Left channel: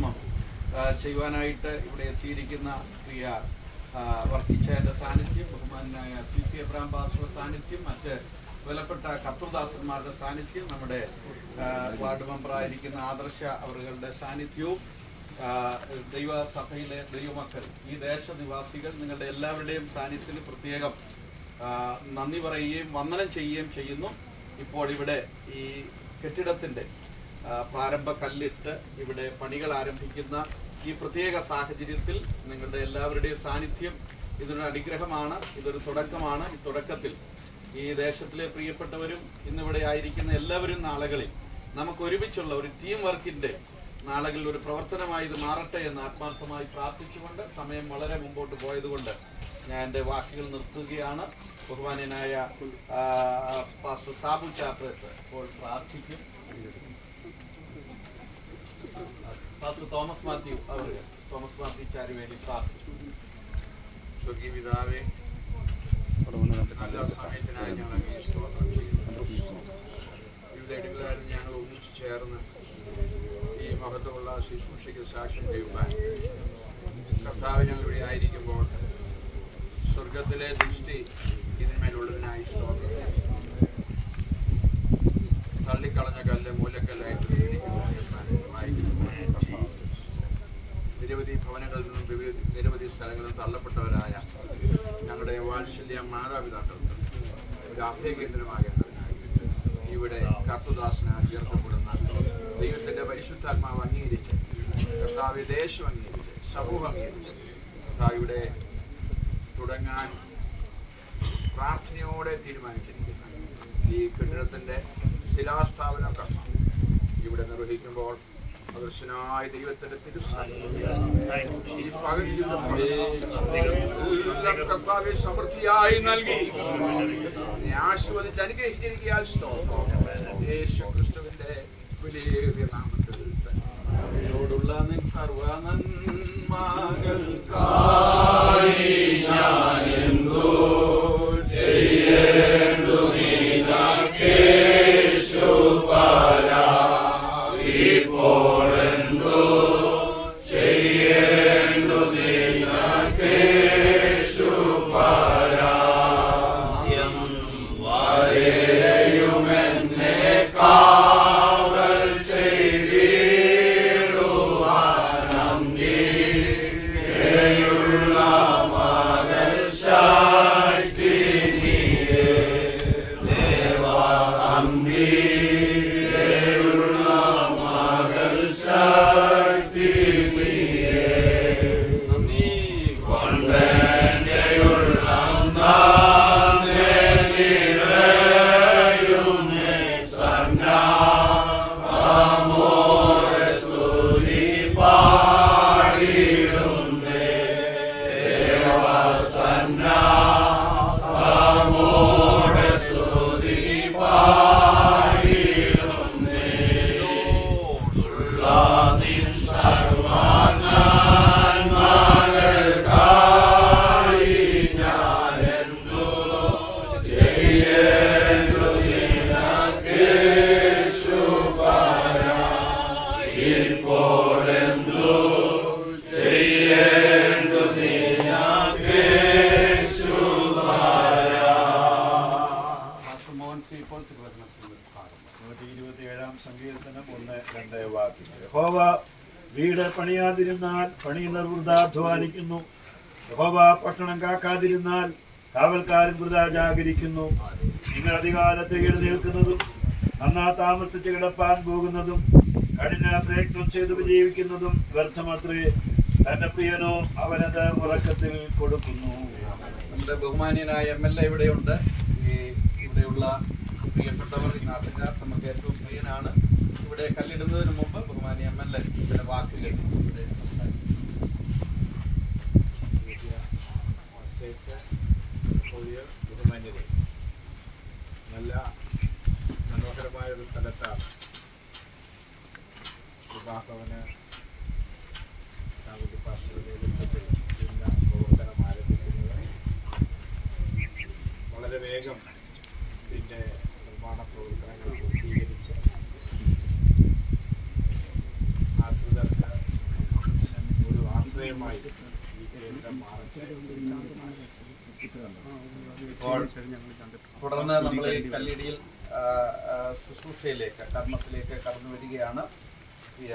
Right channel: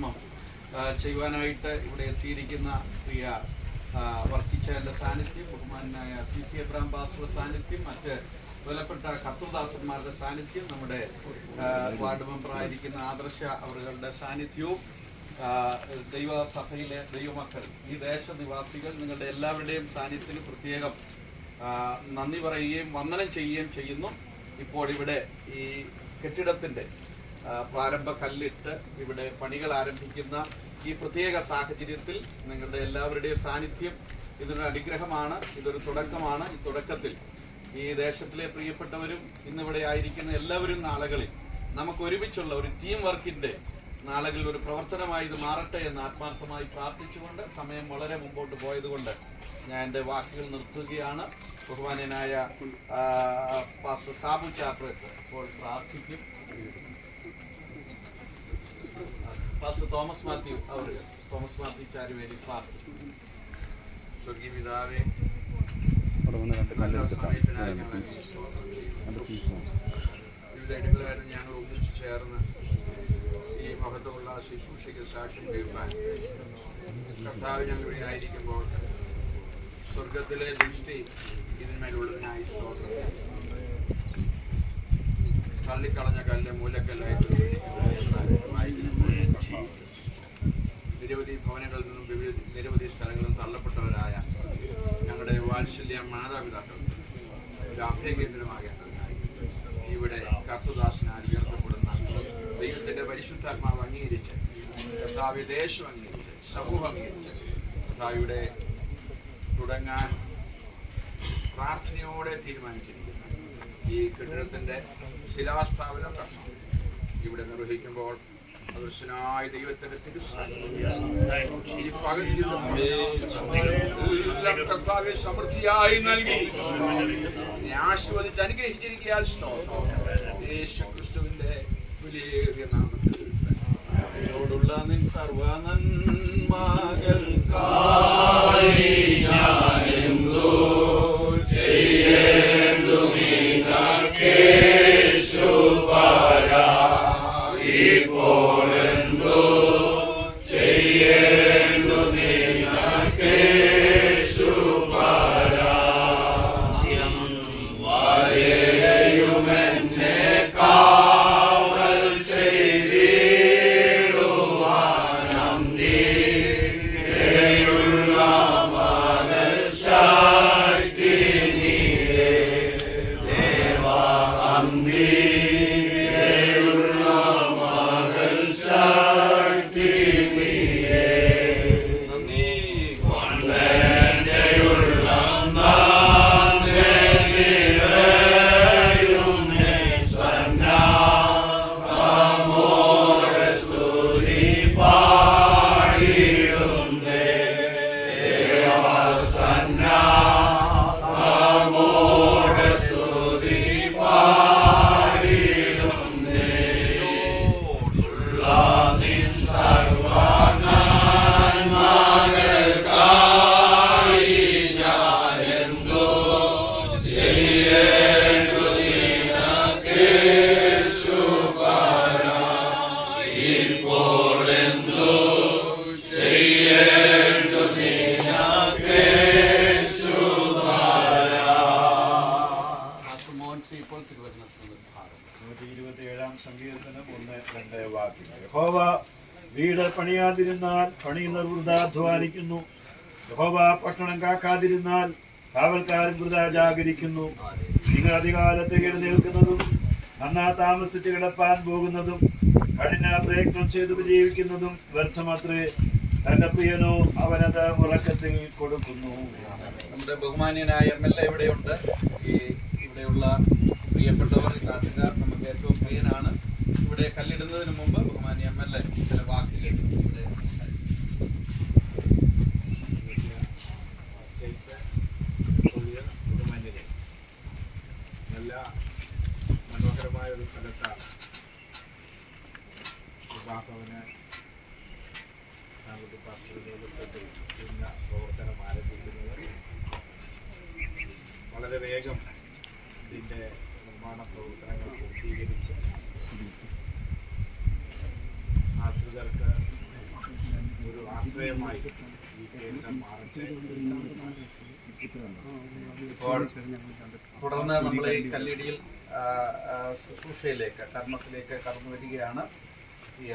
കർമ്മം ചെയ്യുവാനായിട്ട് ഇവിടെ എത്തിയിരിക്കുന്ന പ്രിയ വർക്കിച്ചയുടെ സാന്നിധ്യം, ബഹുമാനായ CC എബ്രഹാം പാസ്റ്ററുടെ സാന്നിധ്യം, മറ്റ് വിലപ്പെട്ട കർത്തൃദാസന്മാരുടെ സാന്നിധ്യം, നമ്മുടെ വാർഡ് മെമ്പറായിരിക്കുന്ന ആദർശ അവരുടെ സാന്നിധ്യവും, ദൈവസഭയിലെ ദൈവമക്കൾ, ഈ ദേശനിവാസികൾ, നിങ്ങളുടെ എല്ലാവരുടെയും സാന്നിധ്യത്തിന് പ്രത്യേകം നന്ദി പറയുകയും വന്ദനം ചെയ്യുകയും ചെയ്യുന്നു. ഇപ്പോൾ ഇവിടെ ഈ കെട്ടിടത്തിൻ്റെ പ്രാരംഭ കല്ലിട്ട് ഇവിടെ പണികൾ ആരംഭിക്കുന്ന ഈ പ്രത്യേക സാഹചര്യത്തിൽ നിങ്ങളുടെ എല്ലാവരുടെയും സാന്നിധ്യം ഇതൊരു അനുഗ്രഹമാണ്, ഇതൊരു തുടക്കമാണ്. ഈ തുടക്കത്തിൽ ഈ ദേശത്തിലെ പ്രിയപ്പെട്ടവരും ഇന്നിവിടെ ആയിരിക്കുന്ന എല്ലാവരും നാളുകളിൽ നമുക്ക് ഒരുമിച്ചുള്ള ഒരു ടീം വർക്കിൻ്റെ നാളുകളിൽ ഒരു പ്രവർത്തനമായി ഇത് മാറട്ടെ എന്ന് ആത്മാർത്ഥമായി പ്രാർത്ഥിച്ചുകൊണ്ട് സമയം വളരെ മുമ്പോട്ട് പോയതുകൊണ്ട് ഞാൻ എൻ്റെ വാക്കുകൾ നിർത്തുകയാണ്. ബഹുമാന്യനായ പാസ്റ്റർ സാബു ചാപ്രത്ത് ഇപ്പോൾ പ്രാർത്ഥിക്കും. പാസ്റ്റർ തോമസ് മാത്യു ചാരുവേലി പ്രാർത്ഥിക്കും. സ്വർഗീയ പിതാവേ, നല്ല സമയത്തിനായി ഞങ്ങൾ വിവിധ ഇടങ്ങളായിരുന്നു ഞങ്ങൾ ഒന്നിച്ചു ചേർന്ന് ഈ മഹത്വമുള്ള ശുശ്രൂഷയ്ക്ക് സാക്ഷ്യം കേൾക്കാൻ കർത്താവ് ഞങ്ങൾ ഇവിടെ ആയിരിക്കുമ്പോൾ സ്വർഗത്തിലെ ദൃഷ്ടി ഇതിന്മേലുള്ളതിനായി സ്തോത്രം. തള്ളിക്കളഞ്ഞ കല്ല് മൂലക്കല്ലായിട്ട് നിരവധി ഭവനങ്ങളിൽ നിന്നും നിരവധി സ്ഥലങ്ങളിൽ തള്ളപ്പെട്ടവരായ ഞങ്ങളുടെ വാത്സല്യ മാതാപിതാക്കൾക്ക് ഒരു അഭയകേന്ദ്രമാകേണ്ടതിനായി ഇവിടെ കർത്തൃദാസനാൽ ഉയർത്തപ്പെടുന്ന ദൈവത്തിന്റെ പരിശുദ്ധാത്മാവ് അംഗീകരിച്ച്, കർത്താവ് ദേശം അംഗീകരിച്ച്, സമൂഹം അംഗീകരിച്ച് കർത്താവിടെ തുടങ്ങാൻ പ്രാർത്ഥനയോടെ തീരുമാനിച്ചിരിക്കുന്ന ഈ കെട്ടിടത്തിന്റെ ശിലാസ്ഥാപന കർമ്മം ഇവിടെ നിർവഹിക്കുമ്പോൾ അദൃശ്യനായ ദൈവത്തിന്റെ കർത്താവെ സമൃദ്ധിയായി നൽകി ആശീർവദിച്ച് അനുഗ്രഹിച്ചിരിക്കാൻ യേശുക്രിസ്തുവിന്റെ വിലയേറിയ നാമത്തിൽ ോടുള്ള സർവനന്മകൾക്കായി ഞാനെന്തോ ചെയ്യേണ്ടു നിനക്കേശു പരാ ഇപ്പോഴെന്തോ ചെയ്യേണ്ടു നിനക്കേശു പരാ വരെയുമെന്നെ കാവൽ ചെയ്തിടുവാനം നീയുള്ള മകൾ ശക്തി നീരേ ദേവാ അന്തിയുള്ള മകൾ ശക്തി നീരേ നന്ദി കൊണ്ടെയുള്ള നിറയുന്നേ സന്നാമോടെ സ്തുതി പാടിടുന്നേ ദേവസന്നാമോടെ സ്തുതി പാടിടുന്നേ ഉള്ള നിൻ സർവനന്മകൾക്കായി ഞാനെന്തോ ചെയ്യേണ്ടു നിനക്കേശു പരാ ഇപ്പോഴെന്തോ ചെയ്യേണ്ടു നിനക്കേശു പരാ. മോഹൻസി ഇപ്പോൾ തിരുവചനത്തിൽ ഭാഗം 127 സങ്കീർത്തനം 1-2 വാക്യങ്ങൾ. യഹോവ വീട് പണിയാതിരുന്നാൽ പണിയുന്നവർ വൃഥാ അധ്വാനിക്കുന്നു. യഹോവ പട്ടണം കാക്കാതിരുന്നാൽ കാവൽക്കാരൻ വൃഥാ ജാഗരിക്കുന്നു. നിങ്ങൾ അധികാലത്ത് എഴുന്നേൽക്കുന്നതും നന്നാ താമസിച്ച് കിടപ്പാൻ പോകുന്നതും കഠിന പ്രയത്നം ചെയ്ത് വിജയിക്കുന്നതും വ്യർത്ഥമത്രേ. തന്റെ പ്രിയനോ അവനത് ഉറക്കത്തിൽ കൊടുക്കുന്നു. നമ്മുടെ ബഹുമാന്യനായ MLA ഇവിടെയുണ്ട്. ഈ ഇവിടെയുള്ള പ്രിയപ്പെട്ടവർ, ഈ നാട്ടുകാർ നമുക്ക് ഏറ്റവും പ്രിയനാണ്. ഇവിടെ കല്ലിടുന്നതിന് മുമ്പ് ബഹുമാന്യ MLA ചില വാക്കുകൾ ഇവിടെ ബഹുമാന്യരെ, നല്ല മനോഹരമായ ഒരു സ്ഥലത്താണ് വിവാഹവന് സാമ്പത്തിക പാസ്റ്ററുടെ നേതൃത്വത്തിൽ ഇന്ന് പ്രവർത്തനം ആരംഭിക്കുന്നത്. വളരെ വേഗം ഇതിൻ്റെ നിർമ്മാണ പ്രവർത്തനങ്ങൾ പൂർത്തീകരിച്ച് ആശ്രിതർക്ക് ആശ്രയമായി ഈ കേന്ദ്രം മാറട്ടെ. ഇപ്പോൾ തുടർന്ന് നമ്മൾ ഈ കല്ലിടിയിൽ ശുശ്രൂഷയിലേക്ക് കർമ്മത്തിലേക്ക് കടന്നു വരികയാണ്. ഈ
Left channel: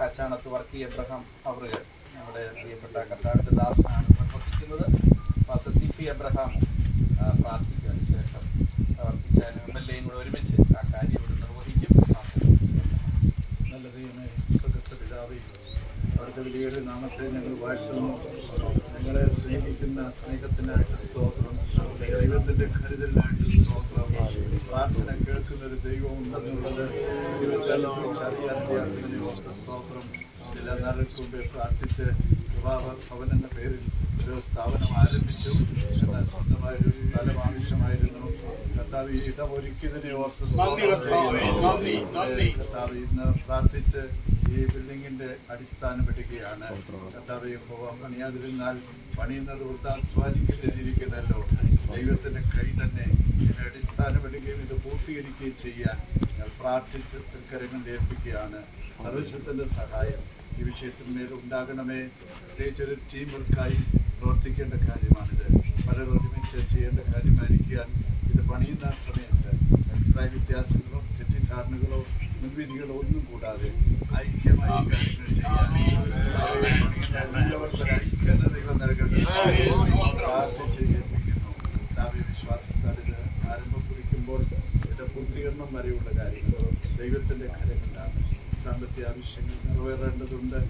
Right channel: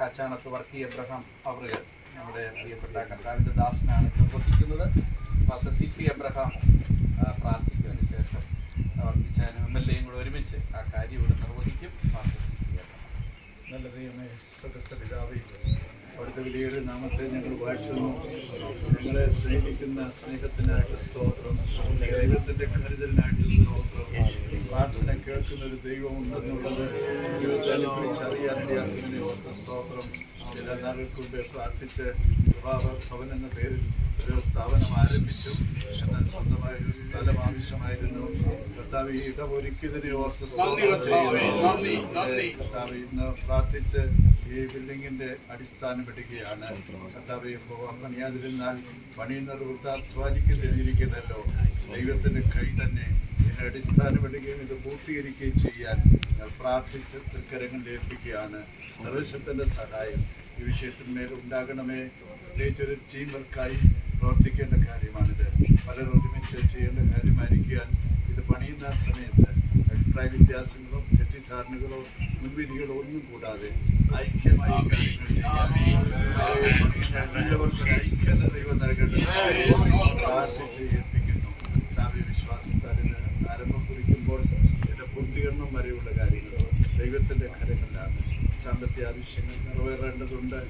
കാച്ചാണത്ത് വർക്കി എബ്രഹാം അവറുകൾ നമ്മുടെ പ്രിയപ്പെട്ട കർത്താവിൻ്റെ ദാസനാണ് നിർവഹിക്കുന്നത്. പാസ്റ്റർ സി എബ്രഹാമും പ്രാർത്ഥിക്കുന്നതിന് ശേഷം വർക്കിച്ചാനും MLA കൂടെ ഒരുമിച്ച് ആ കാര്യം ഇവിടെ നിർവഹിക്കും. Pastor C Abraham. നല്ല ദൈവമേ, സ്വർഗ്ഗസ്ഥ പിതാവേ, അവിടുത്തെ വിലയേറിയ നാമത്തെ ഞങ്ങൾ വാഴ്ത്തുന്നു. ഞങ്ങളെ സ്നേഹിക്കുന്ന സ്നേഹത്തിനായിട്ട് സ്തോത്രം. ദൈവത്തിന്റെ കരുതലിനായിട്ട് സ്തോത്രം. പ്രാർത്ഥന കേൾക്കുന്ന ഒരു ദൈവം ഉണ്ടെന്നുള്ളത് അറിയാനിടയാക്കുന്നതിനെ ഓർത്ത് സ്തോത്രം. ചില നാളുകൾക്ക് മുമ്പേ പ്രാർത്ഥിച്ച് ഭവൻ എന്ന പേരിൽ ഒരു സ്ഥാപനം ആരംഭിച്ചു. എന്നാൽ സ്വന്തമായ ഒരു സ്ഥലം ആവശ്യമായിരുന്നു. കർത്താവ് ഇടമൊരുക്കിയതിനെ ഓർത്ത് കർത്താവ് ഇന്ന് പ്രാർത്ഥിച്ച് ഈ ബിൽഡിങ്ങിന്റെ അടിസ്ഥാനം ഇടുകയാണ്. കർത്താവ് പണിയാതിരുന്നാൽ പണിയുന്നത് വൃത്താധ്വാനിക്കുന്നതിരിക്കുന്നല്ലോ. ദൈവത്തിന്റെ കൈ തന്നെ ഇതിന്റെ അടിസ്ഥാനം ഇടുകയും ഇത് പൂർത്തീകരിക്കുകയും ചെയ്യാൻ ഞാൻ പ്രാർത്ഥിച്ച് തൃക്കരങ്ങളിൽ ഏൽപ്പിക്കുകയാണ്. സർവശക്തന്റെ സഹായം ഈ വിഷയത്തിന്മേൽ ഉണ്ടാകണമേ. പ്രത്യേകിച്ചൊരു ടീം വർക്കായി പ്രവർത്തിക്കേണ്ട കാര്യമാണിത്. പലരും ഒരുമിച്ച് ചെയ്യേണ്ട കാര്യമായിരിക്കാൻ ഇത് പണിയുന്ന സമയത്ത് അഭിപ്രായ വ്യത്യാസങ്ങളോ തെറ്റിദ്ധാരണകളോ മുൻവിധികളോ ഒന്നും കൂടാതെ ഐക്യമായി കാര്യങ്ങൾ ചെയ്യാൻ എല്ലാവർക്കും ഐക്യത ദൈവം നൽകേണ്ട പ്രാർത്ഥിച്ച് ഏൽപ്പിക്കുന്നു. വിശ്വാസത്താൽ ഇത് ആരംഭം കുറിക്കുമ്പോൾ ഇതിന്റെ പൂർത്തീകരണം വരെയുള്ള കാര്യങ്ങൾ ദൈവത്തിന്റെ കരങ്ങളിലാണ്. സാമ്പത്തിക ആവശ്യങ്ങൾ നിറവേറേണ്ടതുണ്ട്.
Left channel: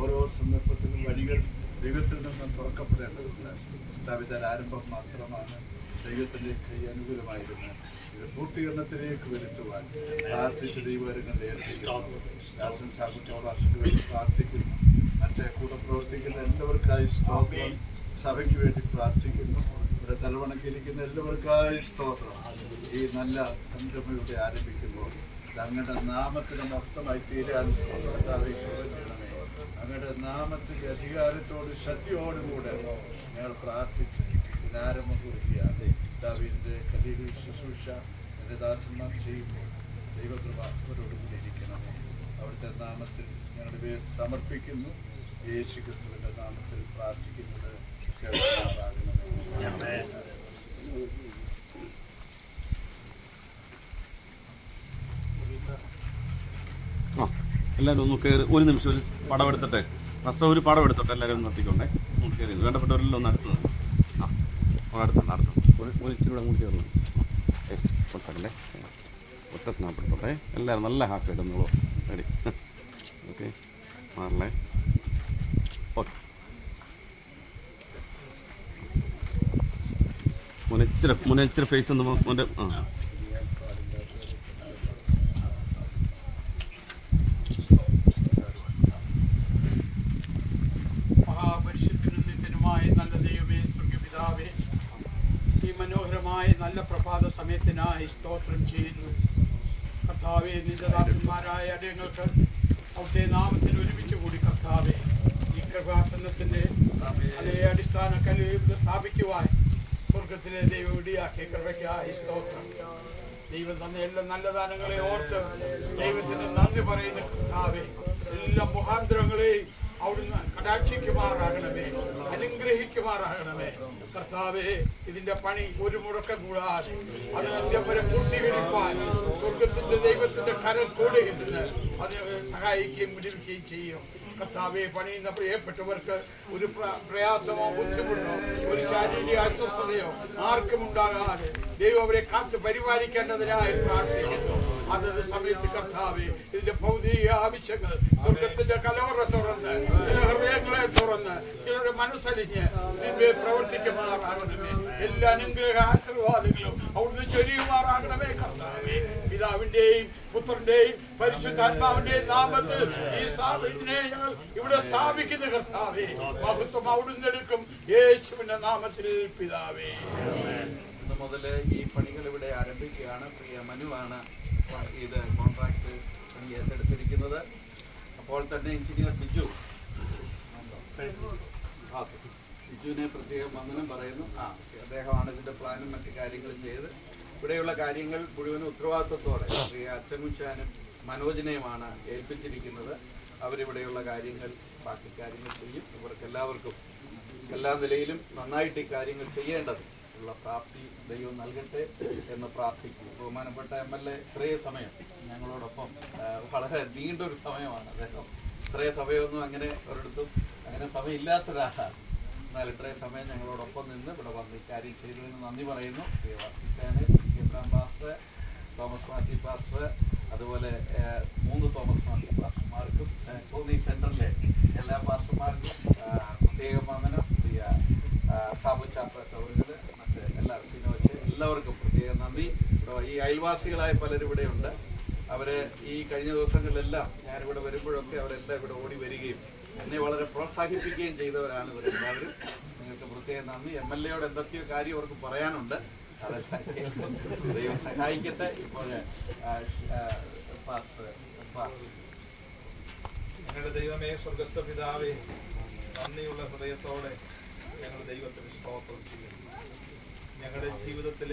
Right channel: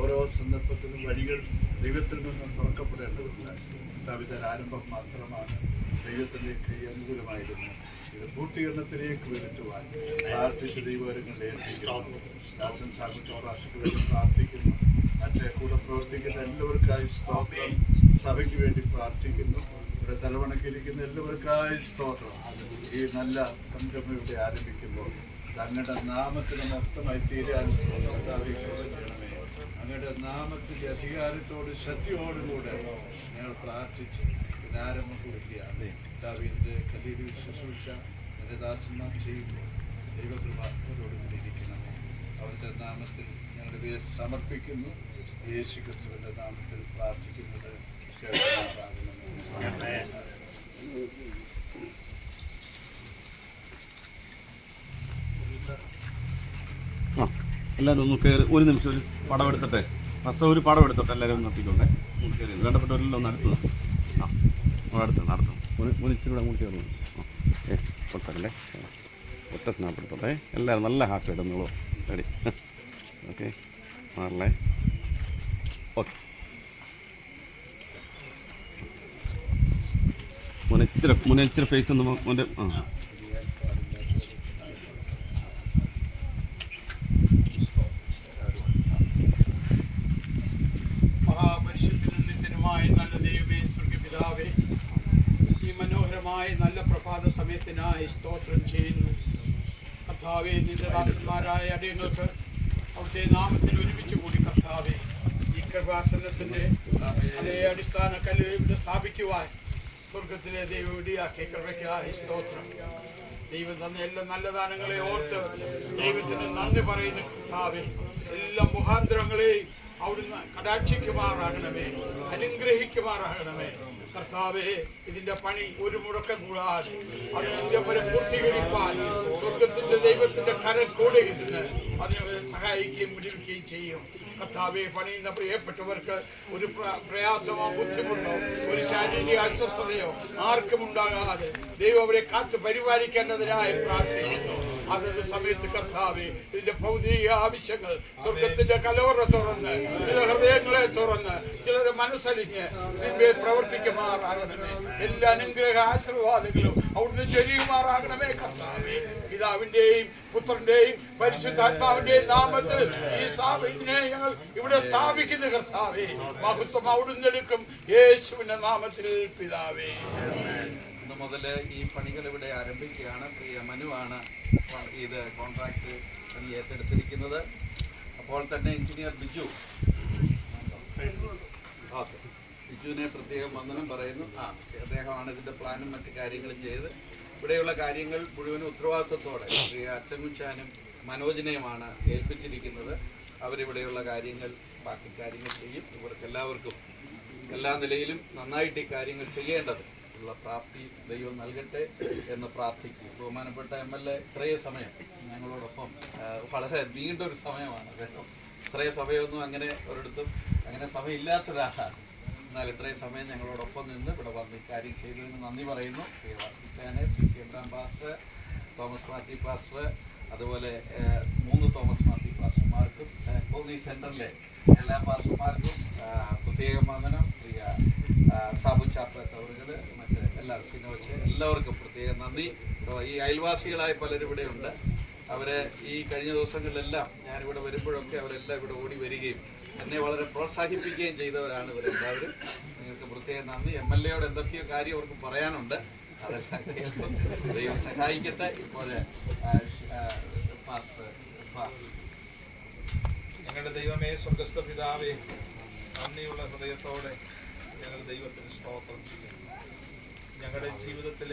ഓരോ സന്ദർഭത്തിലും വഴികൾ ദൈവത്തിൽ നിന്ന് തുറക്കപ്പെടേണ്ടതുണ്ട്. കർത്താവിന്റെ ആരംഭം മാത്രമാണ്. ദൈവത്തിന്റെ കൈ അനുകൂലമായിരുന്നു. ഇത് പൂർത്തീകരണത്തിലേക്ക് വരുത്തുവാൻ പ്രാർത്ഥിച്ച് ദൈവകരങ്ങളിൽ ഏൽപ്പിക്കുന്നു. ദാസൻ സാകുട്ടി ഭാഷയ്ക്ക് വേണ്ടി പ്രാർത്ഥിക്കുന്നു. മറ്റേ കൂടെ പ്രവർത്തിക്കുന്ന എല്ലാവർക്കായി സ്തോത്രം. സഭയ്ക്ക് വേണ്ടി പ്രാർത്ഥിക്കുന്നു. ഇവിടെ തലവണക്കിരിക്കുന്ന എല്ലാവർക്കായി സ്തോത്രം. ഈ നല്ല സംരംഭം ഇവിടെ ആരംഭിക്കുമ്പോൾ അങ്ങയുടെ നാമത്തിന് മൊത്തമായി തീരാൻ കർത്താവിനെ അങ്ങയുടെ നാമത്തിന്റെ അധികാരത്തോട് ശക്തിയോടുകൂടെ ഞങ്ങൾ പ്രാർത്ഥിച്ച് ഇതിനാരംഭം കുറിക്കുകയാണ്. കർത്താവിന്റെ കല്ലിടി ശുശ്രൂഷ എൻ്റെ ദാസന്മാർ ചെയ്യുമ്പോൾ ദൈവകൃപ അവരോടുകൂടി ഇരിക്കണമേ. അവിടുത്തെ നാമത്തിൽ ഞങ്ങളുടെ പേര് സമർപ്പിക്കുന്നു. യേശു ക്രിസ്തുവിന്റെ നാമത്തിൽ പ്രാർത്ഥിക്കുന്നത് കേൾക്കുമാറാകണമേ. എല്ലാവരും ഒന്ന് കയറി ഒരു നിമിഷം ഒരു പടം എടുത്തിട്ട് ഫസ്റ്റ് ഒരു പടം എടുത്തോട്ടെ. എല്ലാവരും ഒന്ന് നോക്കിക്കോട്ടെ. ഒന്ന് കയറി വേണ്ടപ്പെട്ടവരെല്ലാം ഒന്ന് അടുത്തത് അടുത്തും ഇച്ചിരി കൂടെ അങ്ങോട്ട് കയറി സെക്കൻഡേ ഒറ്റ സ്നാപ്പ് എടുത്തോട്ടെ. എല്ലാവരും നല്ല ഹാപ്പി ആയിട്ടൊന്നുള്ളൂ. റെഡി? ഓക്കെ, മാറല്ലേ? ഓക്കെ. മുനച്ചിരി ഫേസ് ഒന്ന് മോൻ്റെ മഹാപരിശുദ്ധനുമായ നല്ല ദൈവമേ, സ്വർഗ്ഗപിതാവേ, ഈ മനോഹരമായ നല്ല പ്രഭാത സമയത്തിനായി സ്തോത്രം ചെയ്യുന്നു. കർത്താവേ, നിന്റെ ദാസന്മാരായ അടിയങ്ങൾക്ക് അവിടുത്തെ നാമത്തിൽ ഒരുമിച്ച് കൂടി കർത്താവേ ഈ കൃപാസനത്തിന്റെ അതേ അടിസ്ഥാന കല്ല് സ്ഥാപിക്കുവാൻ സ്വർഗത്തിലെ ദൈവം ഇടിയാക്കിയ കൃപയ്ക്കായി സ്തോത്രം. ദൈവം തന്ന എല്ലാ നല്ല ദാനങ്ങളെ ഓർത്ത് ദൈവത്തിന് നന്ദി പറയുന്ന കർത്താവേ, എല്ലാ മുഖാന്തരങ്ങളെയും അവിടുന്ന് കടാക്ഷിക്കുമാറാകണമേ, അനുഗ്രഹിക്കുമാറാകണമേ. കർത്താവേ, ഇതിന്റെ പണി ഒരു മുടക്കം കൂടാതെ അത് അന്ത്യം വരെ പൂർത്തീകരിക്കാൻ സ്വർഗത്തിന്റെ ദൈവത്തിന്റെ കരം കൂടെ ഇരുന്ന് അതിനെ സഹായിക്കുകയും വിടുവിക്കുകയും ചെയ്യും. കർത്താവെ, പണിയുന്ന പ്രിയപ്പെട്ടവർക്ക് ഒരു പ്രയാസമോ ബുദ്ധിമുട്ടോ ഒരു ശാരീരിക അസ്വസ്ഥതയോ ആർക്കും ഉണ്ടാകാതെ ദൈവം അവരെ കാത്ത് പരിപാലിക്കേണ്ടതിനായി പ്രാർത്ഥിക്കുന്നു. അതത് സമയത്ത് കർത്താവെ, ഇതിന്റെ ഭൗതിക ആവശ്യങ്ങൾ സ്വർഗത്തിന്റെ കലോറ തുറന്ന് ചില ഹൃദയങ്ങളെ തുറന്ന് ചിലരുടെ മനസ്സലിഞ്ഞ് നിന്നെ പ്രവർത്തിക്കുമാറാകണമേ. എല്ലാ അനുഗ്രഹ ആശീർവാദങ്ങളും അവിടുന്ന് ചൊരിയുമാറാകണമേ. കർത്താവെ, പിതാവിന്റെയും പുത്രന്റെയും പരിശുദ്ധാത്മാവിന്റെയും നാമത്തിൽ ഈ സ്ഥാപനത്തിനെ ഞങ്ങൾ ഇവിടെ സ്ഥാപിക്കുന്ന കർത്താവേ, മഹത്വം അവിടുന്ന് എടുക്കും യേശുവിന്റെ നാമത്തിൽ പിതാവേ. ഇന്ന് മുതൽ ഈ പണികൾ ഇവിടെ ആരംഭിക്കുകയാണ്. പ്രിയ മനുവാണ് ഇത് കോൺട്രാക്ട് പണി ഏറ്റെടുത്തിരിക്കുന്നത്. അപ്പോൾ തന്നെ എഞ്ചിനീയർ ബിജുവിനെ പ്രത്യേകം വന്ദനം പറയുന്നു. അദ്ദേഹമാണ് ഇതിന്റെ പ്ലാനും മറ്റു കാര്യങ്ങളും ചെയ്ത് ഇവിടെയുള്ള കാര്യങ്ങൾ മുഴുവൻ ഉത്തരവാദിത്വത്തോടെ പ്രിയ അച്ചൻകുച്ചാനും മനോജിനെയുമാണ് ഏൽപ്പിച്ചിരിക്കുന്നത്. അവരിവിടെയുള്ള കാര്യങ്ങൾ ബാക്കി കാര്യങ്ങൾ ചെയ്യും. ഇവർക്ക് എല്ലാവർക്കും എല്ലാ നിലയിലും നന്നായിട്ട് ഈ കാര്യങ്ങൾ ചെയ്യേണ്ടത് ഉള്ള പ്രാപ്തി ദൈവം നൽകട്ടെ എന്ന് പ്രാർത്ഥിക്കും. ബഹുമാനപ്പെട്ട MLA ഇത്രയും സമയം ഞങ്ങളോടൊപ്പം വളരെ നീണ്ടൊരു സമയമാണ് അദ്ദേഹം. ഇത്രയും സമയമൊന്നും അങ്ങനെ ഒരിടത്തും അങ്ങനെ സമയമില്ലാത്തൊരാളാണ്. എന്നാൽ ഇത്രയും സമയം ഞങ്ങളോടൊപ്പം നിന്ന് ഇവിടെ വന്ന് ഇക്കാര്യം ചെയ്തതിന് നന്ദി പറയുന്നു. Channel CC Abraham pastor, Thomas Mathew pastor, അതുപോലെ 3 തോമസ് മാത്യു പാസ്റ്റർമാർക്കും ഈ സെൻറ്ററിലെ എല്ലാ പാസ്റ്റർമാർക്കും പ്രത്യേകം വന്ദനം. പ്രിയ സാബു ചാപ്പറ്റവറുകൾ, മറ്റ് എല്ലാ സിനോച്ച് എല്ലാവർക്കും പ്രത്യേകം നന്ദി. ഈ അയൽവാസികളായ പലരും ഇവിടെയുണ്ട്. അവരെ ഈ കഴിഞ്ഞ ദിവസങ്ങളിലെല്ലാം ഞാനിവിടെ വരുമ്പോഴൊക്കെ അവരെല്ലാം ഇവിടെ ഓടി വരികയും എന്നെ വളരെ പ്രോത്സാഹിപ്പിക്കുകയും ചെയ്തവരാണ് ഇവരെല്ലാവരും. നിങ്ങൾക്ക് പ്രത്യേകം നന്ദി. MLAയോട് എന്തൊക്കെയോ കാര്യം അവർക്ക് പറയാനുണ്ട്, അതെല്ലാം കേൾക്കും. ദൈവം സഹായിക്കട്ടെ. ഇപ്പോൾ ഞങ്ങളുടെ ദൈവമേ, സ്വർഗസ്ഥ പിതാവേ, നന്ദിയുള്ള ഹൃദയത്തോടെ ഞങ്ങൾ ദൈവത്തിന് സ്തോത്രം ചെയ്യുന്നു. ഞങ്ങളുടെ ജീവിതത്തിലെ